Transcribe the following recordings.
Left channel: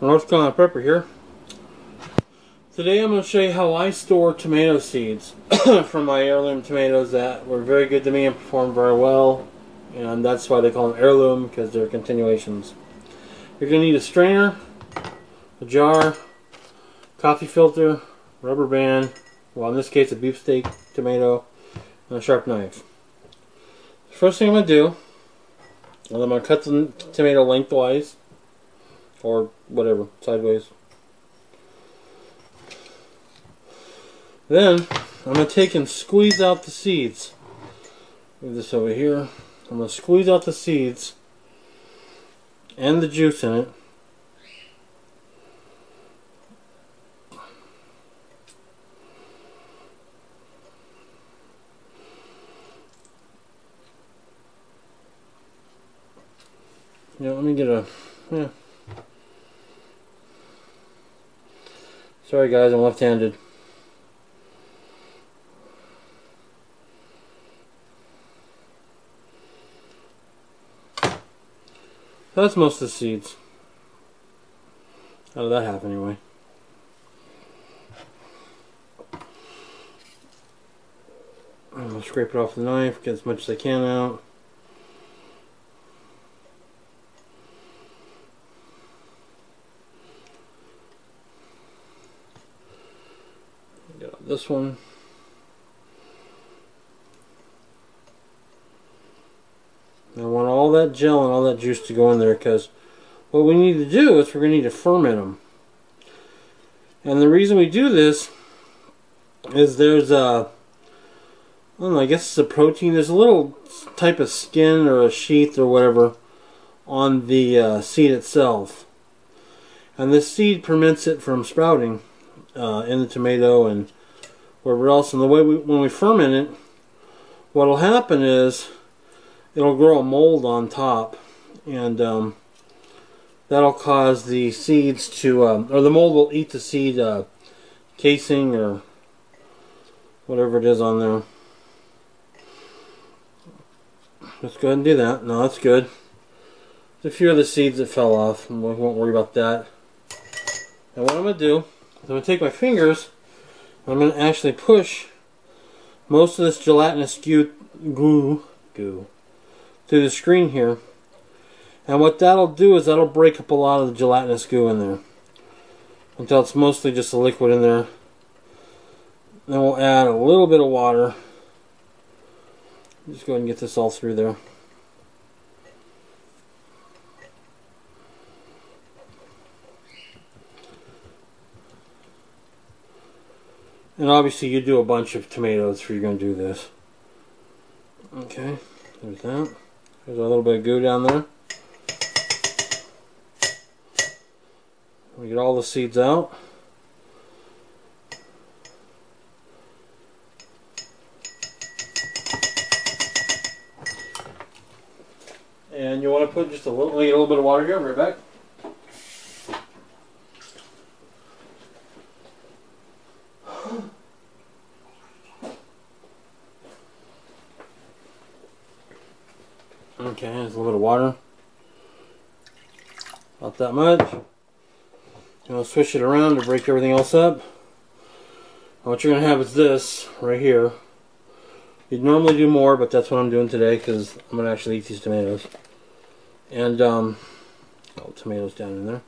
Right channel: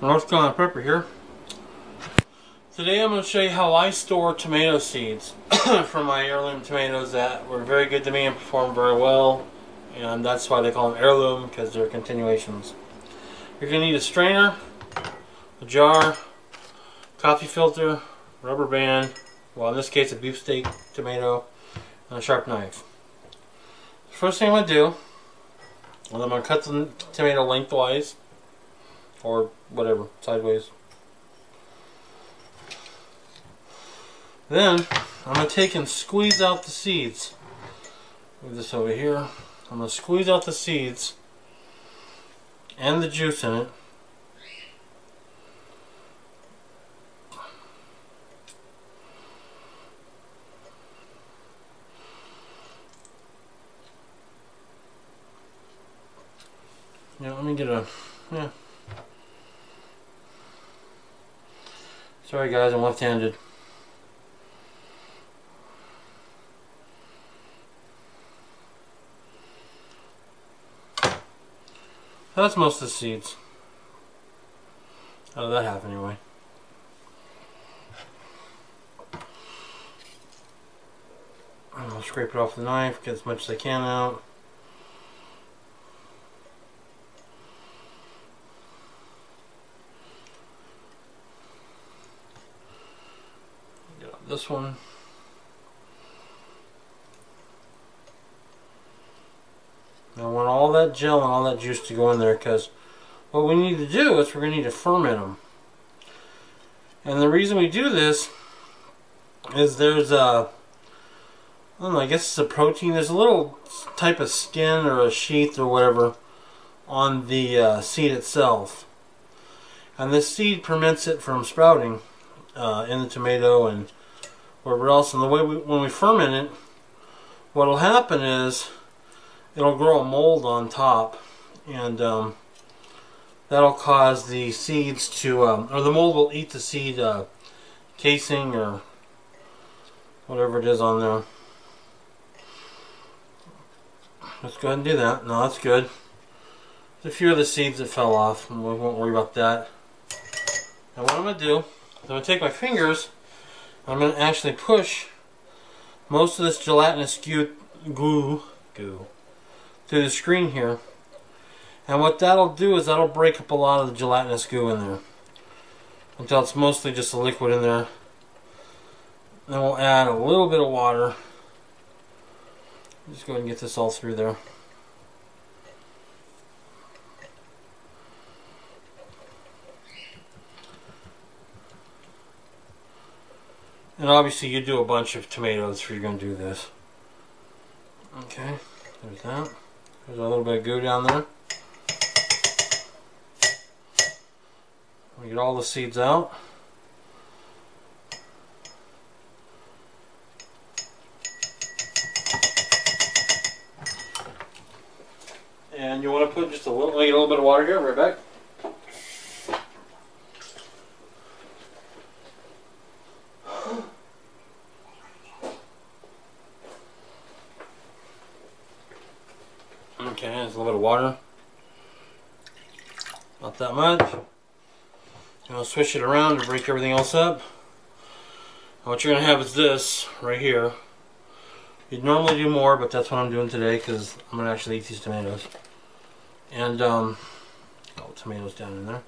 North Carolina Prepper here. Today I'm going to show you how I store tomato seeds from my heirloom tomatoes that were very good to me and performed very well. And that's why they call them heirloom, because they're continuations. You're going to need a strainer, a jar, coffee filter, rubber band, well in this case a beefsteak tomato, and a sharp knife. The first thing I'm going to do is I'm going to cut the tomato lengthwise, or whatever, sideways. Then I'm going to take and squeeze out the seeds. Move this over here. I'm going to squeeze out the seeds and the juice in it. Yeah, let me get a, yeah. Sorry guys, I'm left-handed. That's most of the seeds. Out of that half anyway. I'll scrape it off the knife, get as much as I can out. Get out this one. I want all that gel and all that juice to go in there, because what we need to do is we're going to need to ferment them. And the reason we do this is there's a, I don't know, I guess it's a protein. There's a little type of skin or a sheath or whatever on the seed itself. And this seed prevents it from sprouting in the tomato and wherever else. And the way when we ferment it, what will happen is it'll grow a mold on top, and that'll cause the seeds to, or the mold will eat the seed casing or whatever it is on there. Let's go ahead and do that. No, that's good. There's a few other seeds that fell off, and we won't worry about that. And what I'm going to do is I'm going to take my fingers, and I'm going to actually push most of this gelatinous goo through the screen here, and what that'll do is that'll break up a lot of the gelatinous goo in there until it's mostly just a liquid in there. Then we'll add a little bit of water. Just go ahead and get this all through there. And obviously you do a bunch of tomatoes if you're going to do this. Okay, there's that. There's a little bit of goo down there. We get all the seeds out. And you want to put just a little, get a little bit of water here, right back. Okay, there's a little bit of water. Not that much. You want to switch it around to break everything else up. And what you're going to have is this right here. You'd normally do more, but that's what I'm doing today because I'm going to actually eat these tomatoes. And all the tomatoes down in there.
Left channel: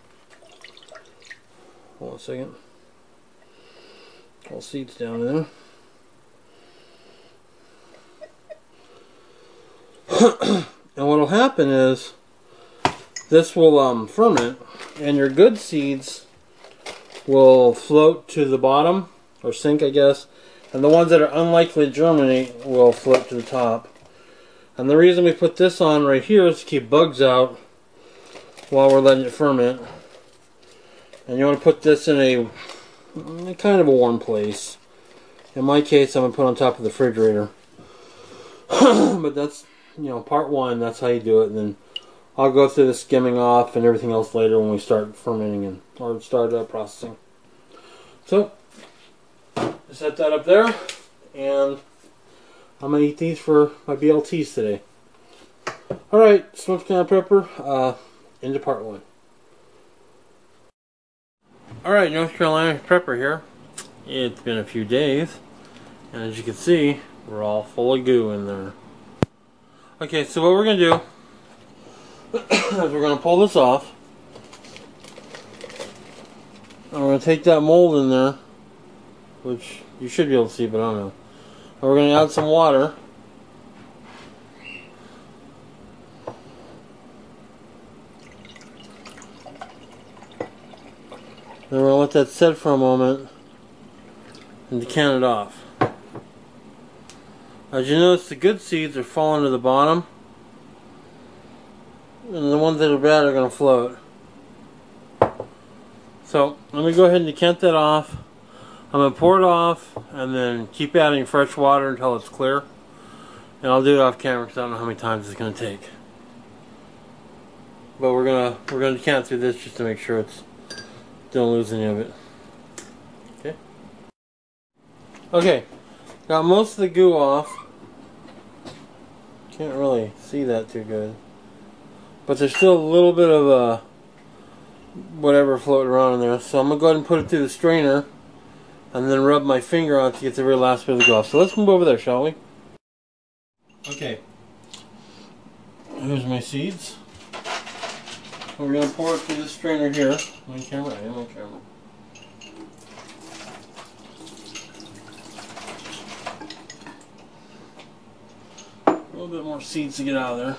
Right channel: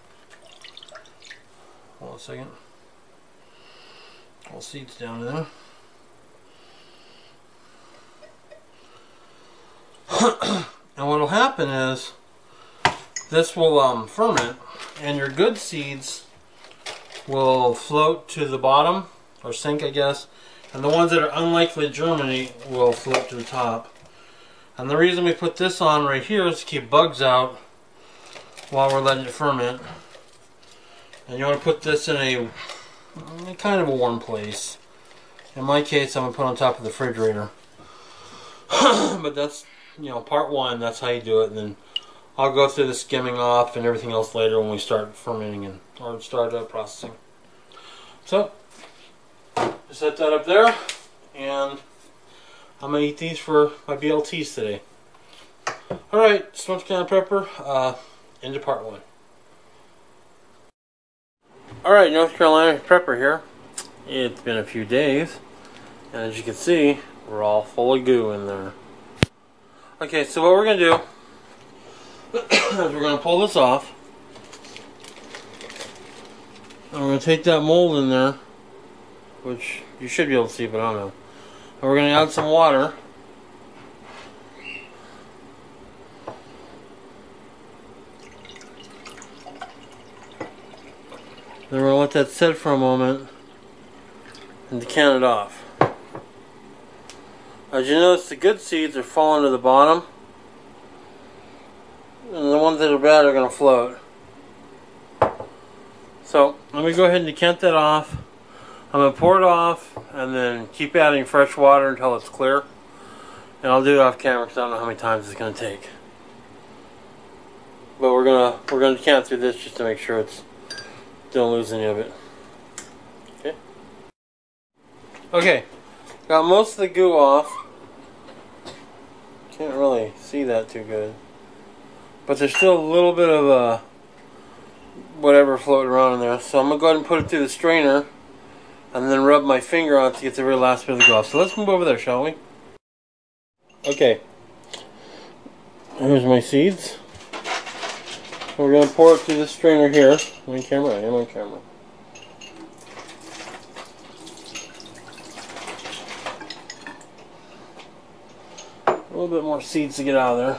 Hold on a second. All seeds down in there. And what will happen is this will ferment, and your good seeds will float to the bottom, or sink I guess, and the ones that are unlikely to germinate will float to the top. And the reason we put this on right here is to keep bugs out while we're letting it ferment. And you want to put this in a kind of a warm place. In my case I'm going to put it on top of the refrigerator. But that's, you know, part one, that's how you do it, and then I'll go through the skimming off and everything else later when we start fermenting and or start processing. So, just set that up there, and I'm going to eat these for my BLTs today. Alright, North Carolina Prepper, into part one. Alright, North Carolina Prepper here. It's been a few days, and as you can see, we're all full of goo in there. Okay, so what we're going to do is we're going to pull this off. I'm going to take that mold in there, which you should be able to see, but I don't know. And we're going to add some water. Then we're going to let that sit for a moment and decant it off. As you notice, the good seeds are falling to the bottom, and the ones that are bad are going to float. So, let me go ahead and decant that off. I'm going to pour it off, and then keep adding fresh water until it's clear. And I'll do it off camera because I don't know how many times it's going to take. But we're gonna decant through this just to make sure don't lose any of it. Okay. Okay. Got most of the goo off. Can't really see that too good. But there's still a little bit of whatever floating around in there. So I'm going to go ahead and put it through the strainer and then rub my finger on it to get the very last bit of the goo off. So let's move over there, shall we? Okay. Here's my seeds. We're going to pour it through the strainer here. On camera, I am on camera. A little bit more seeds to get out of there.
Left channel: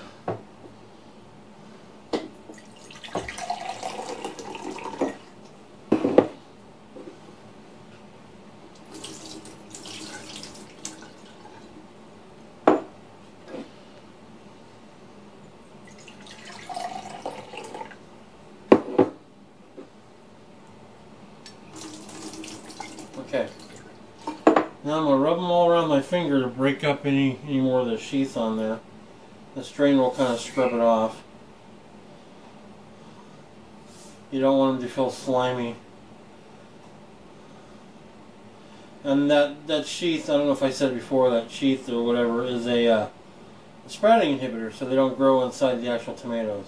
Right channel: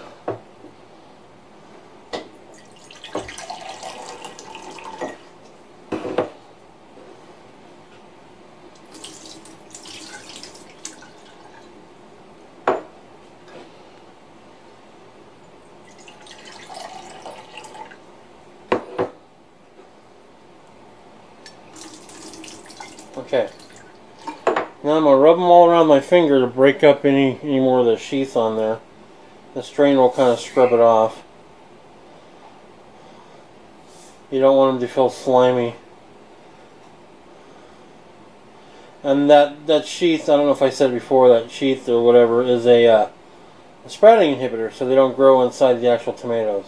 Okay, now I'm going to rub them all around my finger to break up any more of the sheath on there. The strainer will kind of scrub it off. You don't want them to feel slimy. And that sheath, I don't know if I said before, that sheath or whatever is a sprouting inhibitor, so they don't grow inside the actual tomatoes.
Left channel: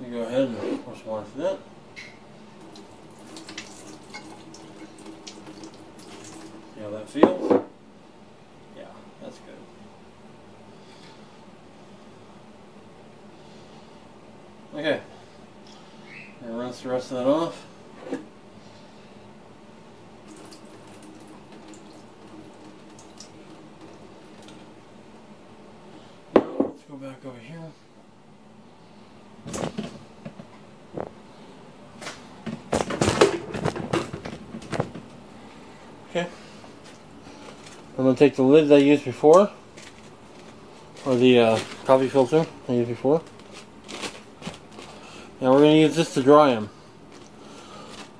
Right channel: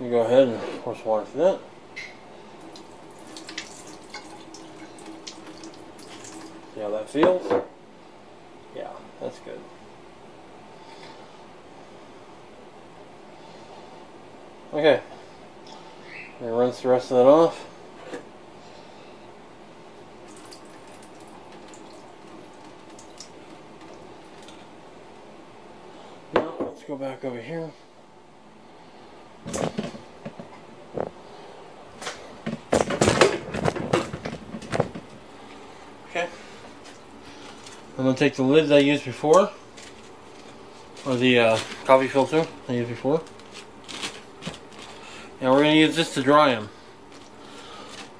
You go ahead and pour some water for that. See how that feels? Yeah, that's good. Okay. I'm going to rinse the rest of that off. Now, let's go back over here. Okay. I'm going to take the lids I used before, or the coffee filter I used before, and we're going to use this to dry them.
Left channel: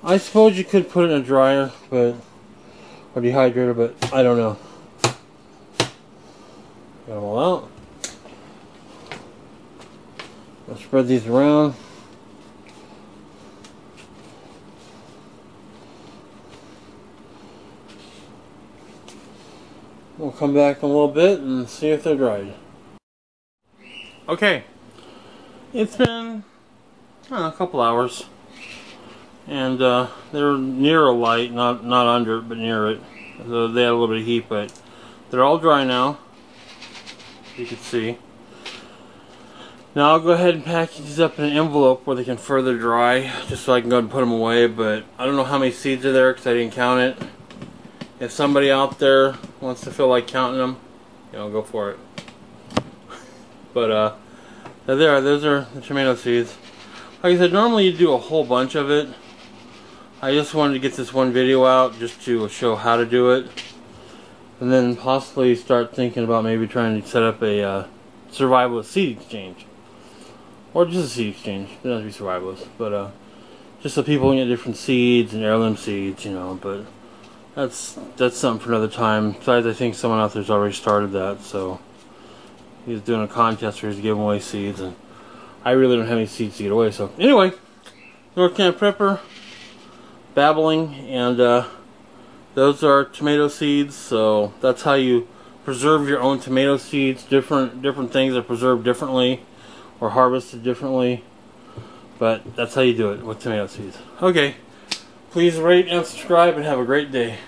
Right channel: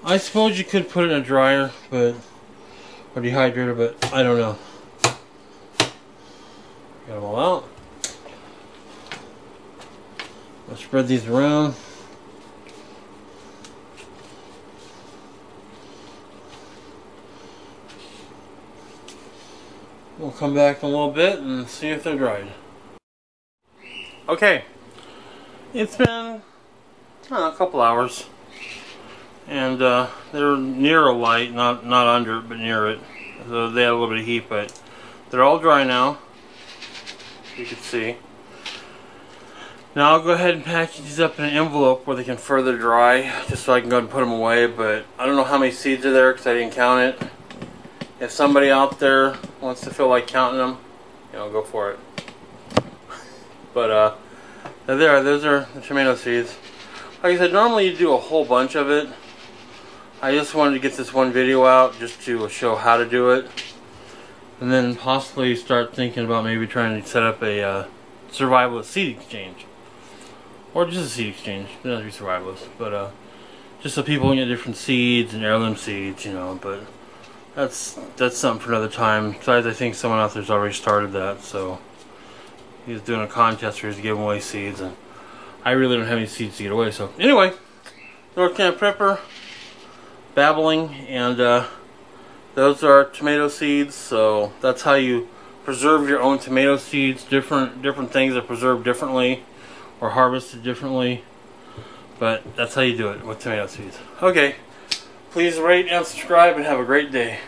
I suppose you could put it in a dryer, or dehydrator, but I don't know. Got them all out. I'll spread these around. We'll come back in a little bit and see if they're dried. Okay, it's been, I don't know, a couple hours, and they're near a light, not under it, but near it. So they had a little bit of heat, but they're all dry now, you can see. Now I'll go ahead and package these up in an envelope where they can further dry, just so I can go ahead and put them away, but I don't know how many seeds are there because I didn't count it. If somebody out there wants to feel like counting them, you know, go for it. But there, those are the tomato seeds. Like I said, normally you do a whole bunch of it. I just wanted to get this one video out just to show how to do it, and then possibly start thinking about maybe trying to set up a survivalist seed exchange, or just a seed exchange. It doesn't have to be survivalist, but just so people can get different seeds and heirloom seeds, you know. But that's something for another time. Besides, I think someone out there's already started that, so he's doing a contest where he's giving away seeds, and I really don't have any seeds to get away. So anyway, North Carolina Prepper, babbling, and those are tomato seeds. So that's how you preserve your own tomato seeds. Different things are preserved differently or harvested differently. But that's how you do it with tomato seeds. Okay. Please rate and subscribe and have a great day.